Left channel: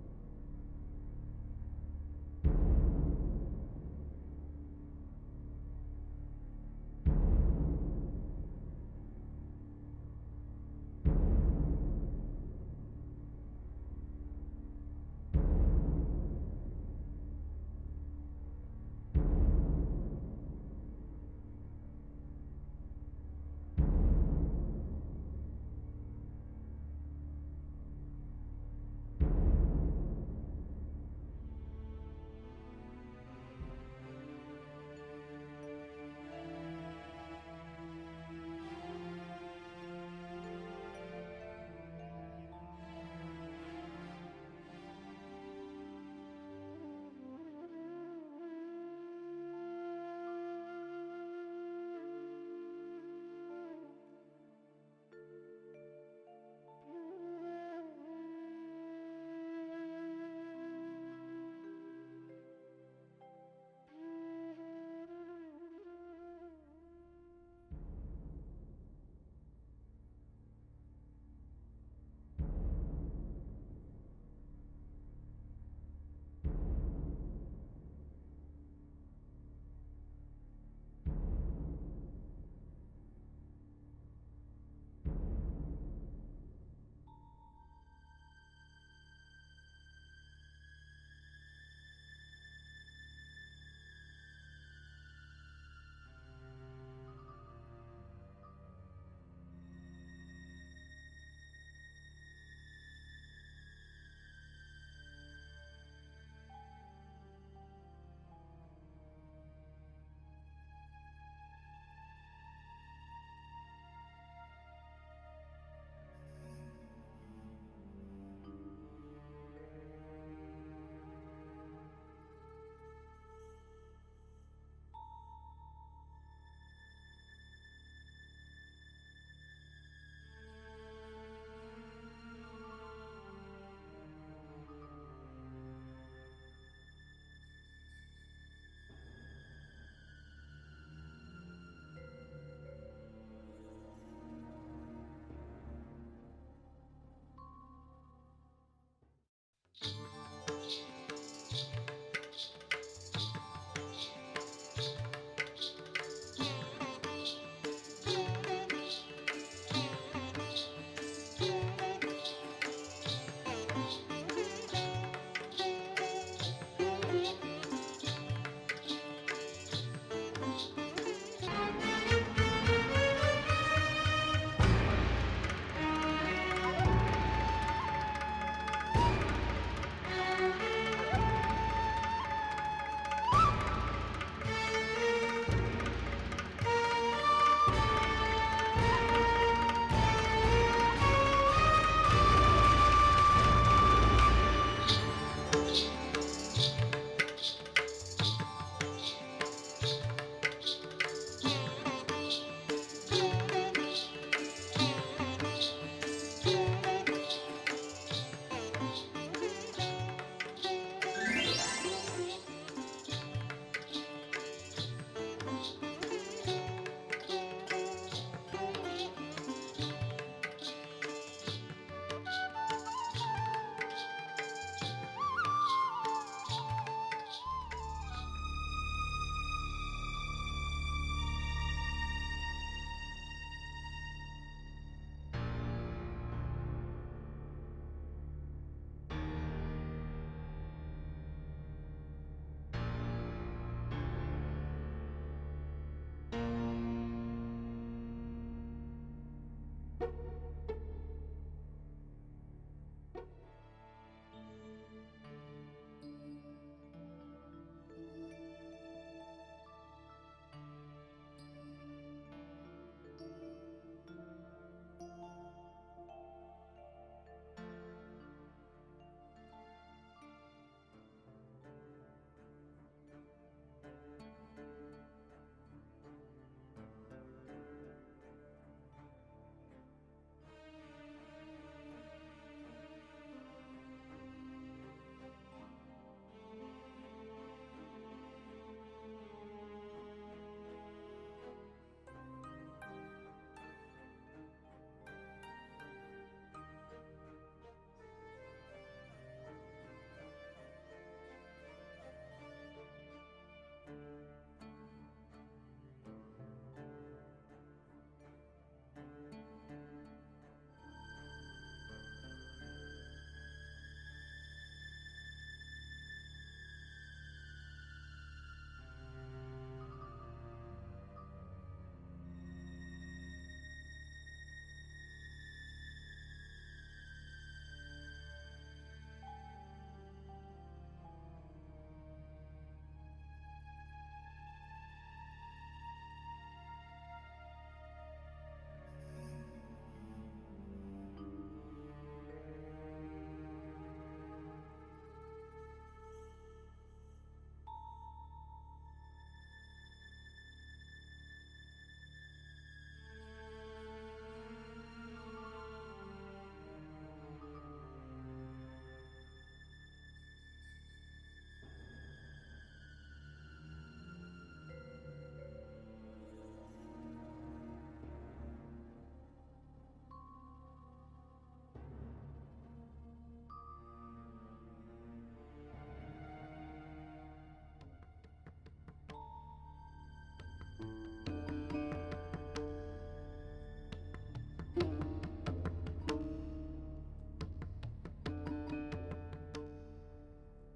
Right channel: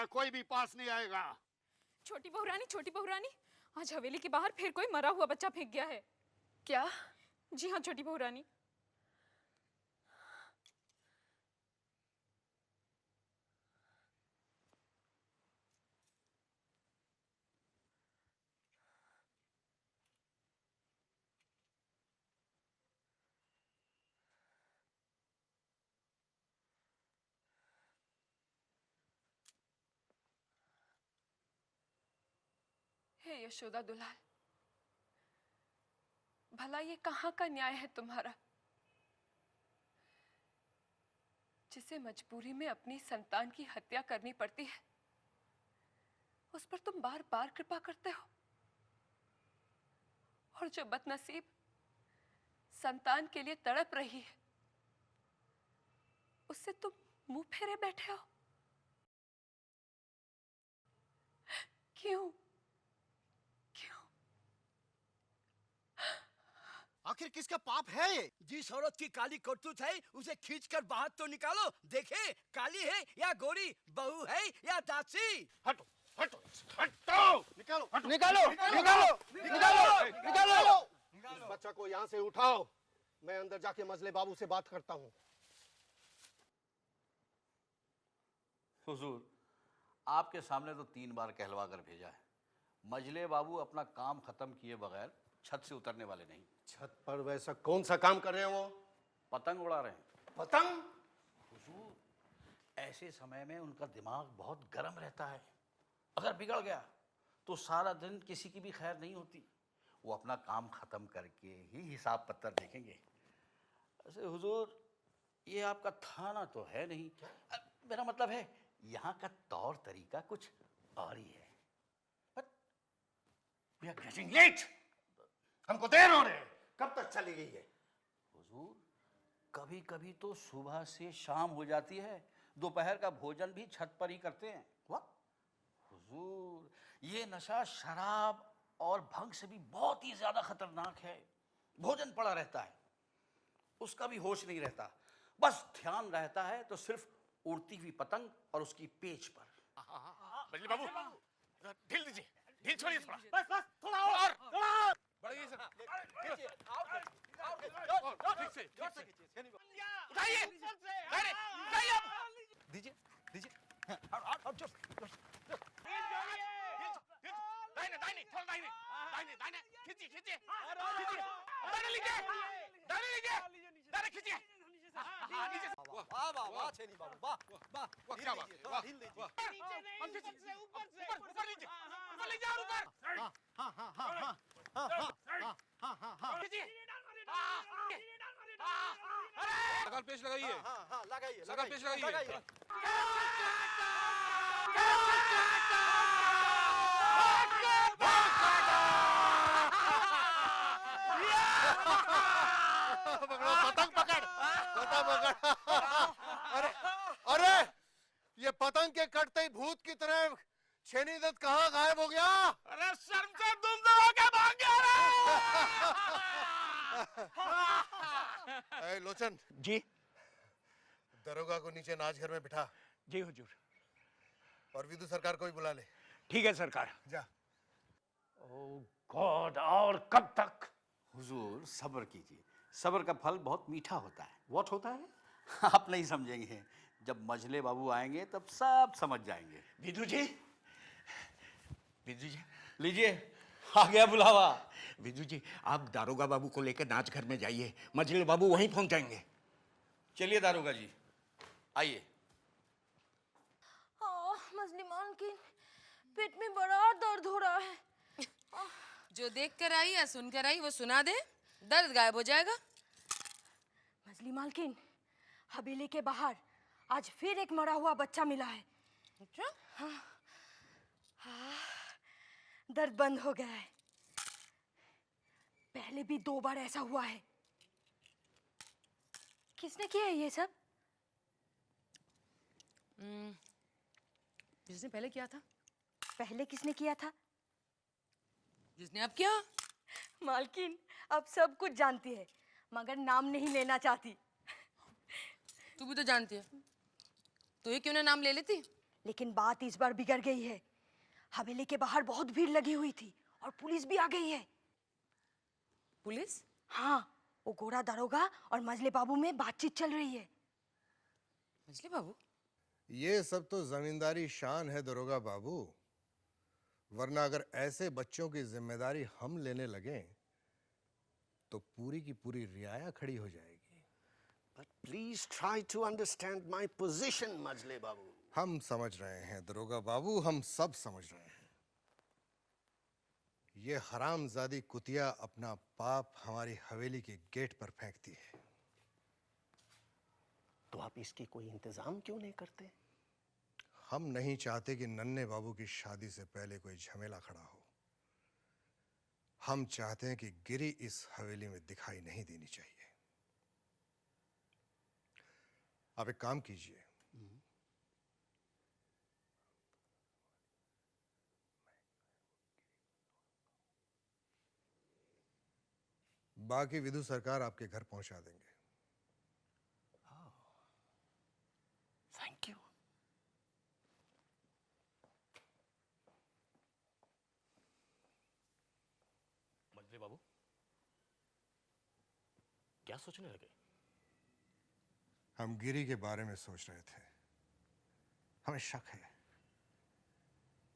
है, कोई भी पास नहीं आएगा। छोटी बहू रानी, आज हवेली के बाहर फिर कोई मरा हुआ बच्चा फेंक गया है। क्या? जी हाँ छोटी बहू रानी। यशोदा दुलाल, भला ये कहाँ का न्याय है तुम्हारा, जिसे मजबूरी में अपनी संतान की हत्या करनी पड़ती है, उस पर तुम बार बार कृपा करते हो, और जो बदनसीब संतान के लिए तड़प रही है, उससे तुम मुंह फेरे बैठे हो। क्यों? आखिर किसका पाप है ये? जिस औरत की काली करतूत है उसे खींचकर बाहर तो निकालो, देखे काली है या गोरी, बहू है या दासी। हटो हटो हटो, निकालो निकालो निकालो निकालो निकालो। बच्चा को यहाँ से उठाओ, मैं अंदर जाके मजले बाबू से बात करता हूँ। हुजूर, आपके सामने तो 3 बार कहलवा कर भेजा है, मजले बाबू अपना काम खत्म किए बगैर छत से उतरने वाले नहीं। छत पर वैसा कौन सा काम कर रहे हैं वो? पतंग उड़ा रहे हैं। पतंग? हुजूर, ऐसे समय में उनका दिमाग बहुत गर्म रहता है, अगर बिगड़ गया तो सारा दिन किसी की भी खैर नहीं होती। वो अपना काम खत्म करके ही हिसाब पत्तर देखेंगे। वैसे हुजूर, ये आपका थाना तो है नहीं, मेरा मतलब है यहाँ का तौर तरीका कुछ और ही है। We are getting late. हमको देर हो रही है, कब तक चली गई है? हुजूर, कभी कभी तो सुबह से शाम हो जाती है, दोपहर का भोजन भी छत पर ही करते हैं। हुजूर, ये नशा शराब और भंग से भी बहुत ही ज्यादा खतरनाक है। भोजन पड़ा रहता है, उसका भी होश नहीं रहता, बस ध्यान रहता है तो सिर्फ उड़ती हुई पतंग और उसकी पेच पर। ये छोड़िए, थोड़ा और। अरे ये पतंग के कटते भूत की तरह छेड़ी से कहाँ गायब हो गया? अरे सर पे गुंडा होके भाग गया। लोचन जी, दरोगा को नीचे नाच घर में बिठा। जी। और सीधे सरकार को बुला ले। ठीक है सरकार। और कब तक? हुजूर, सब्र कीजिए, सब्र का फल बहुत मीठा होता है। व्हाट होता है? आप नहीं समझेंगे, जब मजले बाबू आएंगे तब सब समझ जाएंगे। विदु जी, लीजिए, आ गया बुलावा। विदु जी, आप दारोगा बाबू को लेकर नाच घर में जाइए, मजले बाबू वहीं पहुंच जाएंगे। चलिए दारोगा जी, आइए। मजली मालकिन, पेट में बड़ा दर्द हो रहा है। जो देख कर आई या सुन कर आई वो सुना दे, दर्द गायब हो जाएगा। मजली मालकिन, हवेली के बाहर आज फिर एक मरा हुआ बच्चा मिला है। अच्छा? हाँ, दर्द बंद हो गया है। पहले भी 2 बार ऐसा हुआ है। किसने किया है ये सब? जिसने पहले किया था। पहले किसने किया था? जिसने अब किया। मालकिन अब सब कुछ जानती है, मगर नाम नहीं लेना चाहती। तू भी तो जानती है, तो ये क्यों ना नाम ले लेती? लेकिन बात इस बार बिगड़ गई है। हवेली के बाहर बहुत भीड़ लगी हुई थी और पुलिस भी आ गई है। पुलिस? हाँ, वो गोरा दरोगा और मजले बाबू में बातचीत चल रही है। मछली बाबू? ये सब तो जमींदारी शान है दरोगा बाबू, वरना अगर ऐसे बच्चों की जिम्मेदारी हम लेने लगे तो पूरी की पूरी रियाया खड़ी हो जाएगी। Please try to understand my position, मजले बाबू। हम समझ रहे हैं दरोगा बाबू, हम सब समझ रहे हैं। ये हरामजादी कुतिया अपना पाप हमारी हवेली के गेट पर फेंकती है। तो आप इसकी कोई इंतजाम क्यों नहीं करते? हम नहीं चाहते कि नन्हे बाबू की शादी से पहले कोई झमेला खड़ा हो। हम चाहते हैं कि गिरी इस हवेली में दिखाई नहीं देनी चाहिए। आप एक काम कीजिए, बाकी विधु सरकार आपके घर पहुंचा देंगे। Thank you. मजले बाबू, क्या सोचने लगे? हम गिरी के बारे में सोच रहे थे। हमें शक है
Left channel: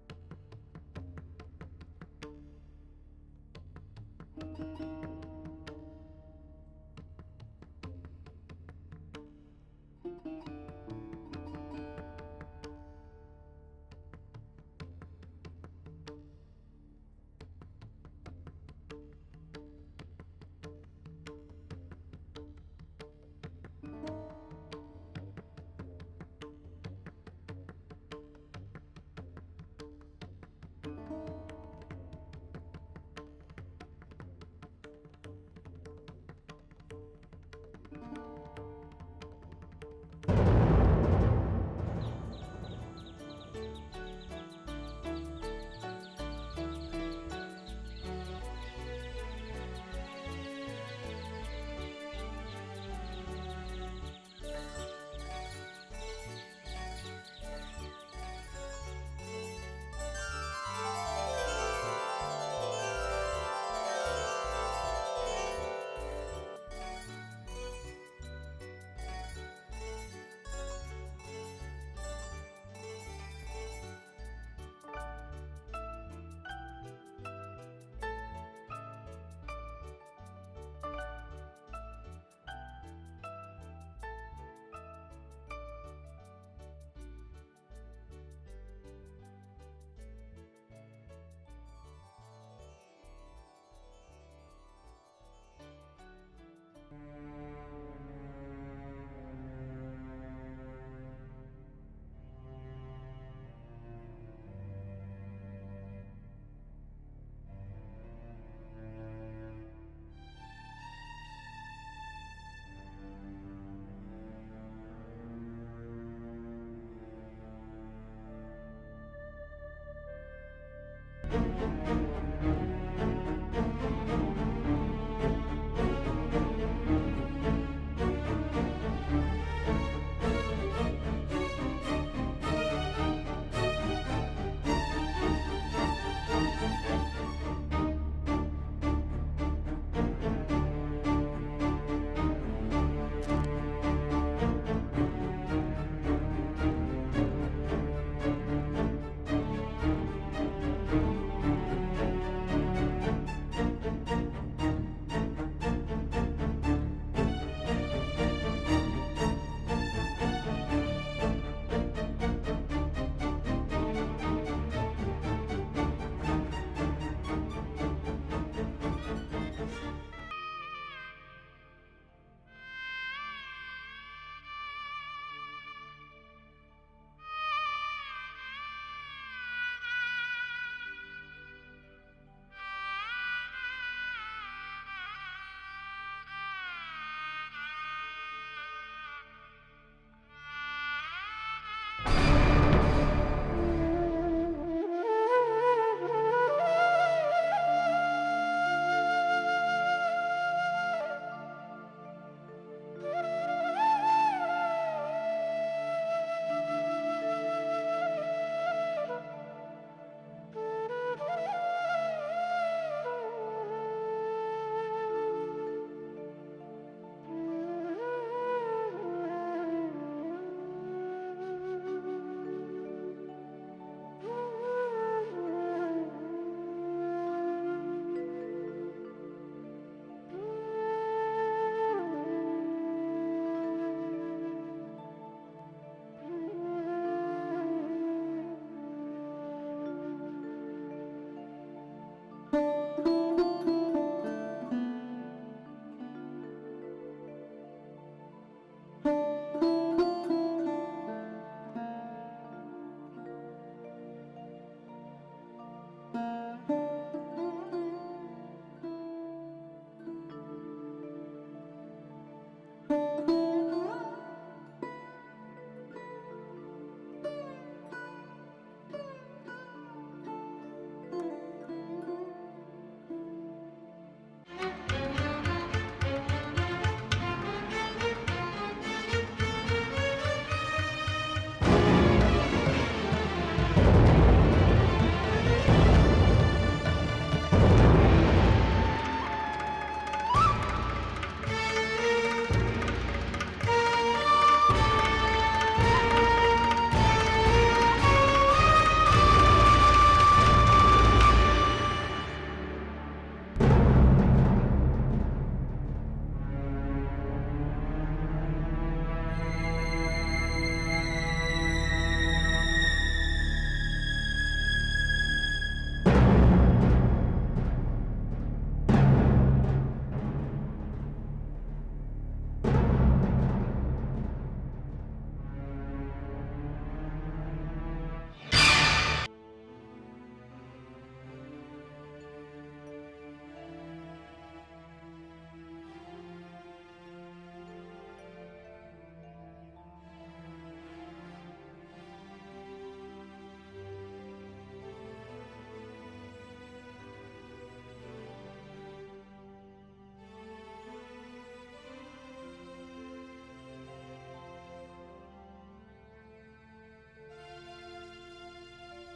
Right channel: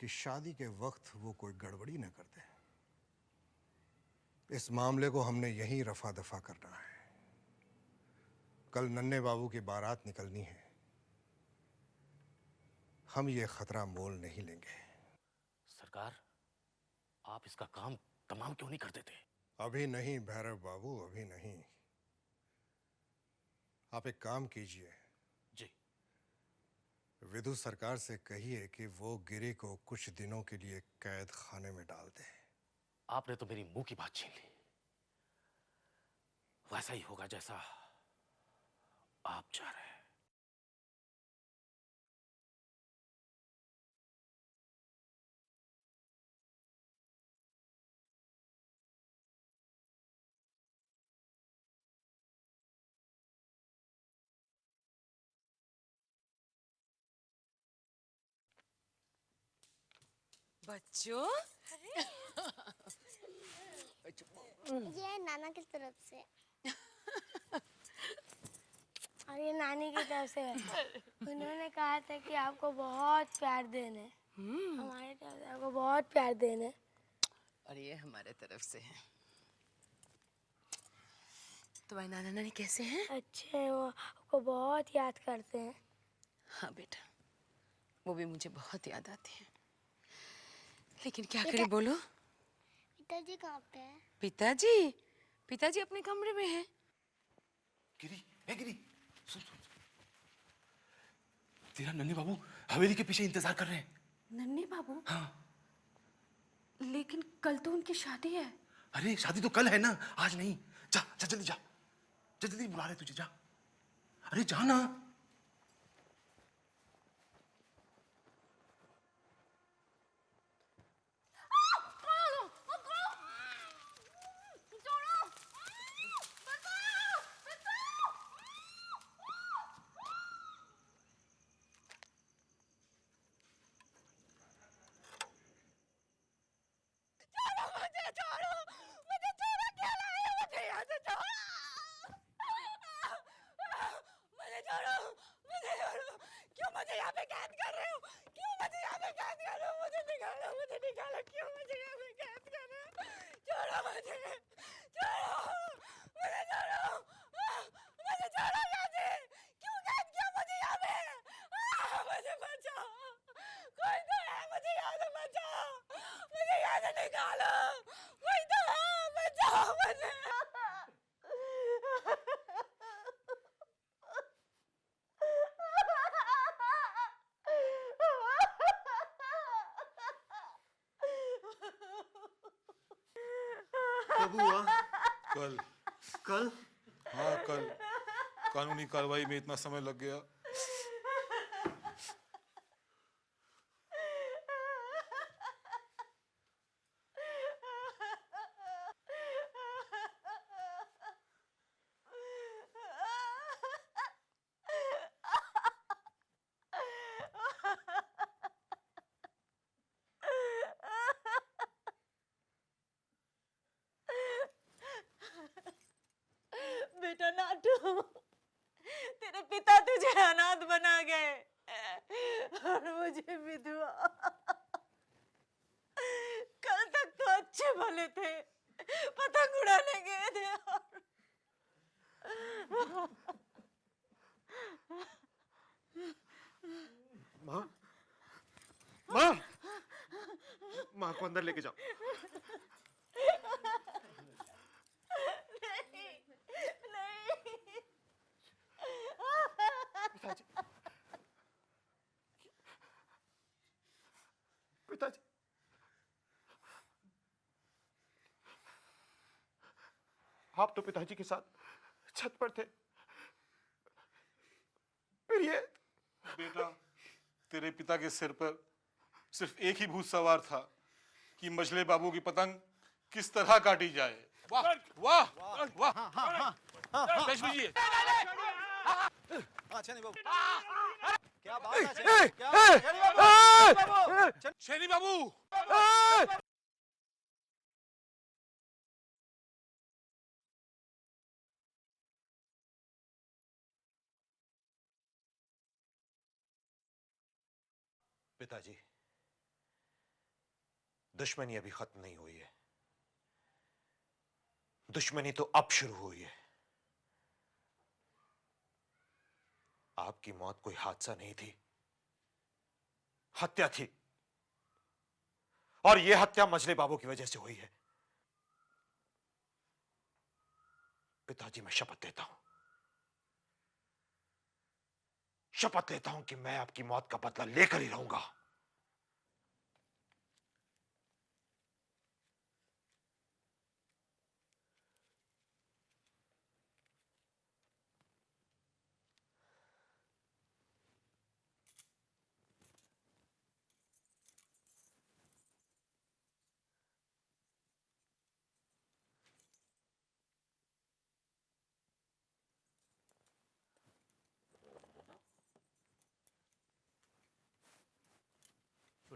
कि शादी के वक्त वो कोई गड़बड़ी न कर दे। इस मामले को हमने यहीं रफा दफा करना है। कल नन्हे बाबू की बारात निकलनी है। हम ये खतरा मोल नहीं लेंगे। सरकार, आप इसका काम तमाम क्यों नहीं कर देते? अभी नहीं भैरव बाबू, अभी नहीं। आप एक काम कीजिए, जी। विधु सरकार से कहिए कि वो गिरी को कुछ दिनों के लिए कैद खाने में डाल दे। आपने तो मेरी मुंह की बात छीन ली। वैसा ही होगा जैसा आप चाह रहे हैं। ये नानी की तरफ से है। उन्होंने कहा था कि आपको बहुत प्यार देना है। हमारे तरफ से आपको बहुत प्यार देना है। और ये हमारे तरफ से है। तुम्हारे नाना नानी कैसे हैं? अच्छे हैं, वो बहुत याद करते हैं। हाँ बेटा, वो भी मुझे बहुत याद आती है। लेकिन क्या करें बोलो? पिताजी कहाँ पे है? पिताजी? पिताजी अपने कमरे में हैं। गिरी, ए गिरी, सुन। तेरा नन्हे बाबू हवेली के पीछे इंतजार कर रहे हैं। नन्हे बाबू? हाँ। लेकिन कल तो उनकी शादी है। अरे शादी तो कल है ना, आज नहीं। जा जा जल्दी जा, जल्दी बुला रहे तुझे, जा। अरे जा ना। कब हुआ? कल। कल? हाँ कल। कानूनी कार्रवाई में इतना समय लग गया। कल तक तो अच्छे भले थे, पतंग उड़ाने गए थे। माँ, माँ को अंदर लेके जाओ। पिताजी, आप तो पिताजी के साथ छत पर थे, फिर ये बेटा, तेरे पिता के सिर पर सिर्फ एक ही भूत सवार था कि मछले बाबू की पतंग किस तरह काटी जाए। वाह वाह वाह, लक्ष्मी जी। शेरी बाबू, दुश्मनी तो अब शुरू हुई है। आपकी मौत कोई हादसा नहीं थी, हत्या थी, और ये हत्या मछली बाबू की वजह से हुई है। पिताजी, मैं शपथ लेता हूं, शपथ लेता हूं कि मैं आपकी मौत का बदला लेकर ही रहूंगा।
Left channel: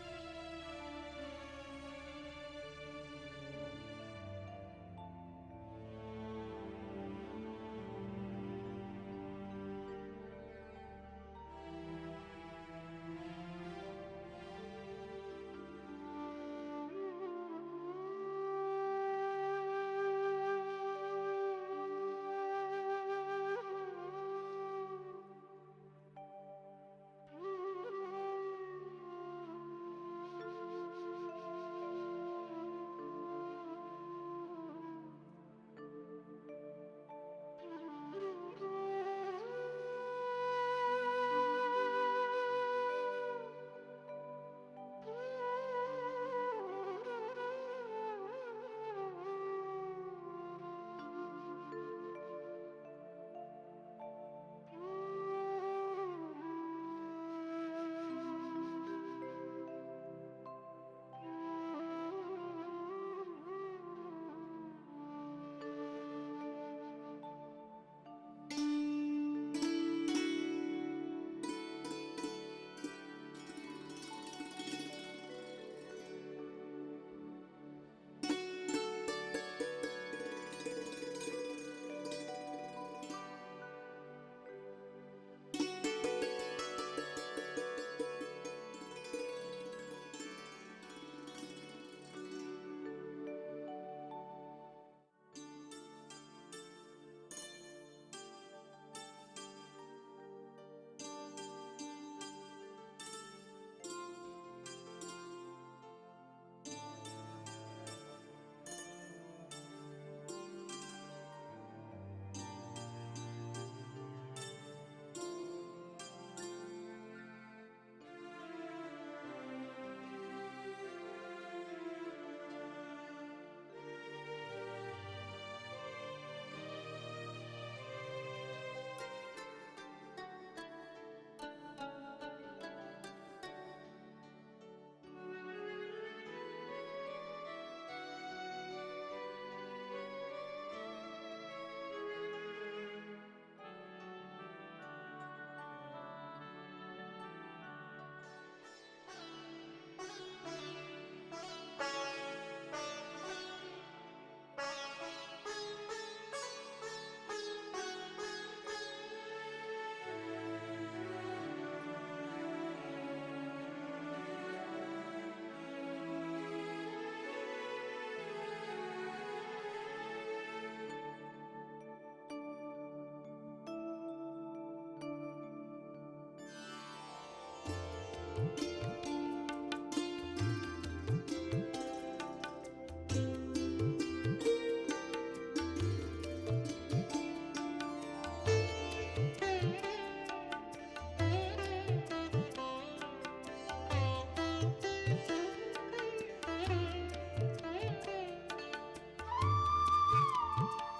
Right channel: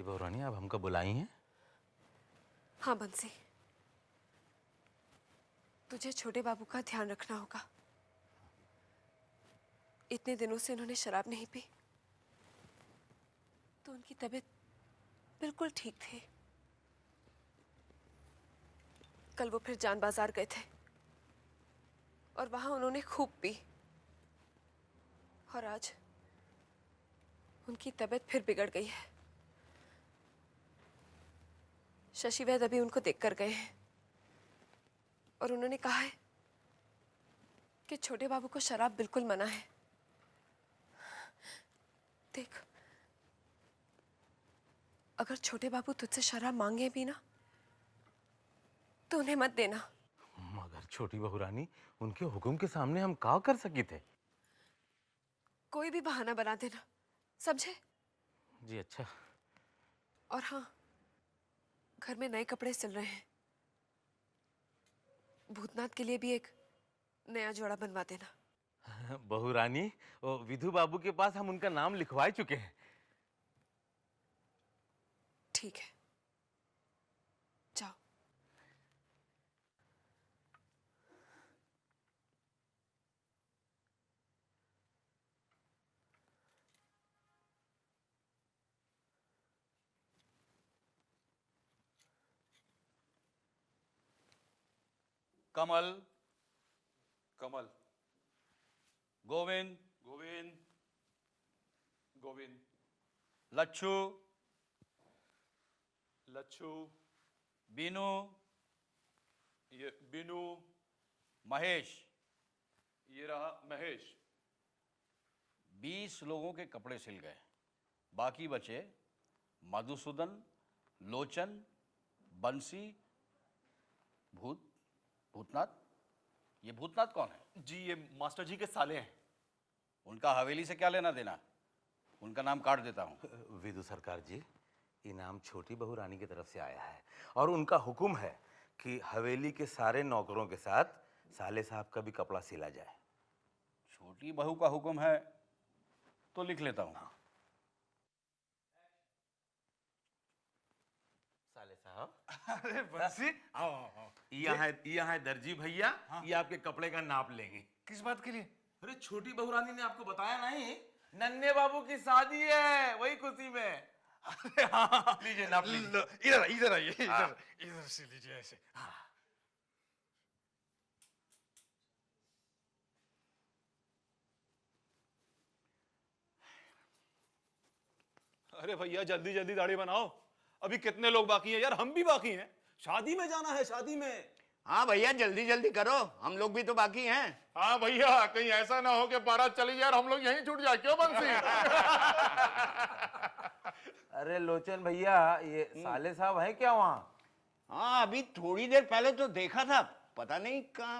बहुरानी, आप हमको बुलाई हैं? हाँ बंसी, तुझे छोटे बाबू का ध्यान रखना होगा। इतने दिनों से उन्होंने शराब नहीं पी, तो उनकी तबीयत बिल्कुल ठीक थी। कल वो फिर जान बाजार गए थे और वहां उन्होंने खूब पी, और आज उनकी तबीयत फिर बिगड़ गई है। शशि वैद्य अभी उनको देखकर गए हैं और उन्होंने कहा है कि छोटे बाबू को शराब बिल्कुल मना है। देख, अगर छोटे बाबू तुझसे शराब मांगे भी ना, तो उन्हें मत देना। मगर छोटी बहुरानी, उनके हुक्म के सामने हम का कर सके थे? कोई भी बहाना बना देना, समझे? जी अच्छा। और हाँ, घर में नए कपड़े सिल रहे हैं, भूतनाथ के लिए भी एक नया जोड़ा बनवा देना। बहुरानी, वो विधु बाबू के पास हम उनका नाम लिखवा चुके हैं। ठीक है, जाओ। कमल, कमल, गोविंद, गोविंद, गोविंद, लच्छू, लच्छू, बीनू, ये बिनू, महेश। ये रहा महेश। 20 लोगों के कपड़े सिल गए, बाकी बचे मधुसूदन, लोचन, बंसी, भूतनाथ। ये भूतनाथ कौन है? जी, ये मास्टर जी के साले हैं। उनका हवेली से क्या लेना देना? उनका नाम काट देता हूँ। विधु सरकार जी, इनाम छोटी बहुरानी की तरफ से आया है और उनका हुक्म है कि हवेली के सारे नौकरों के साथ साले साहब का भी कपड़ा सिला जाए। छोटी बहू का हुक्म है तो लिख लेता हूँ। यहाँ है दर्जी भैया, ये आपके कपड़े का नाप लेंगे। किस बात के लिए? अरे छोटी बहुरानी ने आपको बताया नहीं, नन्हे बाबू की शादी है, वही खुशी में। हाँ, लीजिए नाप लीजिए। इधर इधर आइए हाँ। इधर से लीजिए ऐसे। अरे भैया जल्दी जल्दी दाढ़ी बनाओ, अभी कितने लोग बाकी हैं यार, हम भी बाकी हैं, शादी में जाना है, शादी में। हाँ भैया जल्दी जल्दी करो, हम लोग भी तो बाकी हैं। हाँ भैया, कहीं ऐसा ना हो कि बारात चली जाए और हम लोग यहीं छूट जाए, क्यों बंसी? अरे लोचन भैया, ये साले साहब है क्या वहाँ? हाँ अभी थोड़ी देर पहले तो देखा था, पता नहीं कहाँ।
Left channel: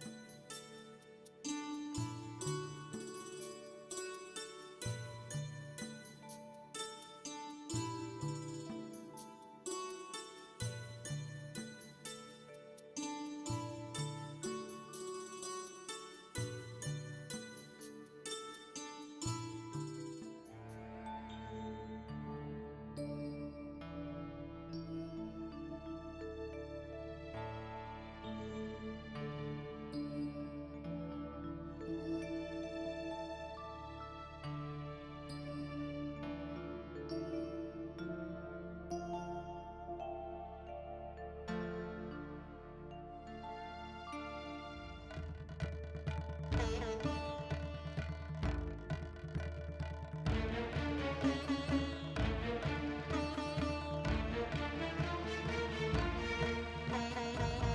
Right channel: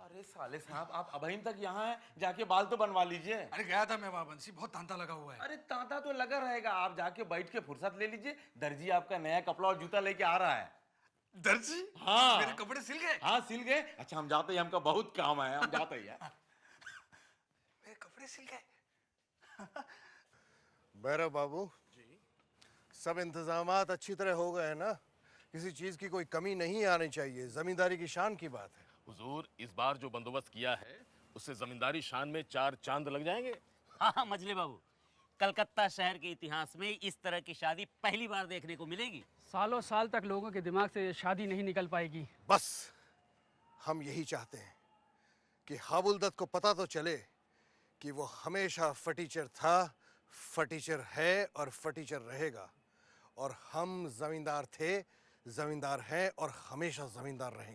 अरे साले साहब, आप अभी तक यहाँ हैं, जाके बाल तो बनवा लीजिए। अरे गया था मैं वहाँ बंसी, बहुत तांता लगा हुआ है। अरे तांता तो लगा रहेगा, आप जाके बैठ के फुर्सत ले लीजिए। दर्जी आपका नया कपड़ा और जूता लेके आ रहा है। दर्जी हाँ मेरे कपड़े सिल गए। हाँ सिल गए। अच्छा हम जाते हैं, हमका बहुत काम है, हम जाते हैं। मेरे कपड़े सिल गए। भैरव बाबू, सब इंतजामात अच्छी तरह हो गए ना? किसी चीज की कोई कमी नहीं आनी चाहिए, जमींदारी की शान की बात है। हुजूर, इस बार जो बंदोबस्त किया है उससे जमींदारी शान में 4 चांद लग जाएंगे। हाँ मछली बाबू, कलकत्ता शहर के इतिहास में इस तरह की शादी पहली बार देखने को मिलेगी। सालों साल तक लोगों के दिमाग से ये शादी नहीं निकल पाएगी। बस हम यही चाहते हैं कि हाबुलदत को पता तो चले कि वो हमेशा फटीचर था, फटीचर है और फटीचर रहेगा। और हम जमींदार थे, जमींदार हैं और हमेशा जमींदार रहेंगे।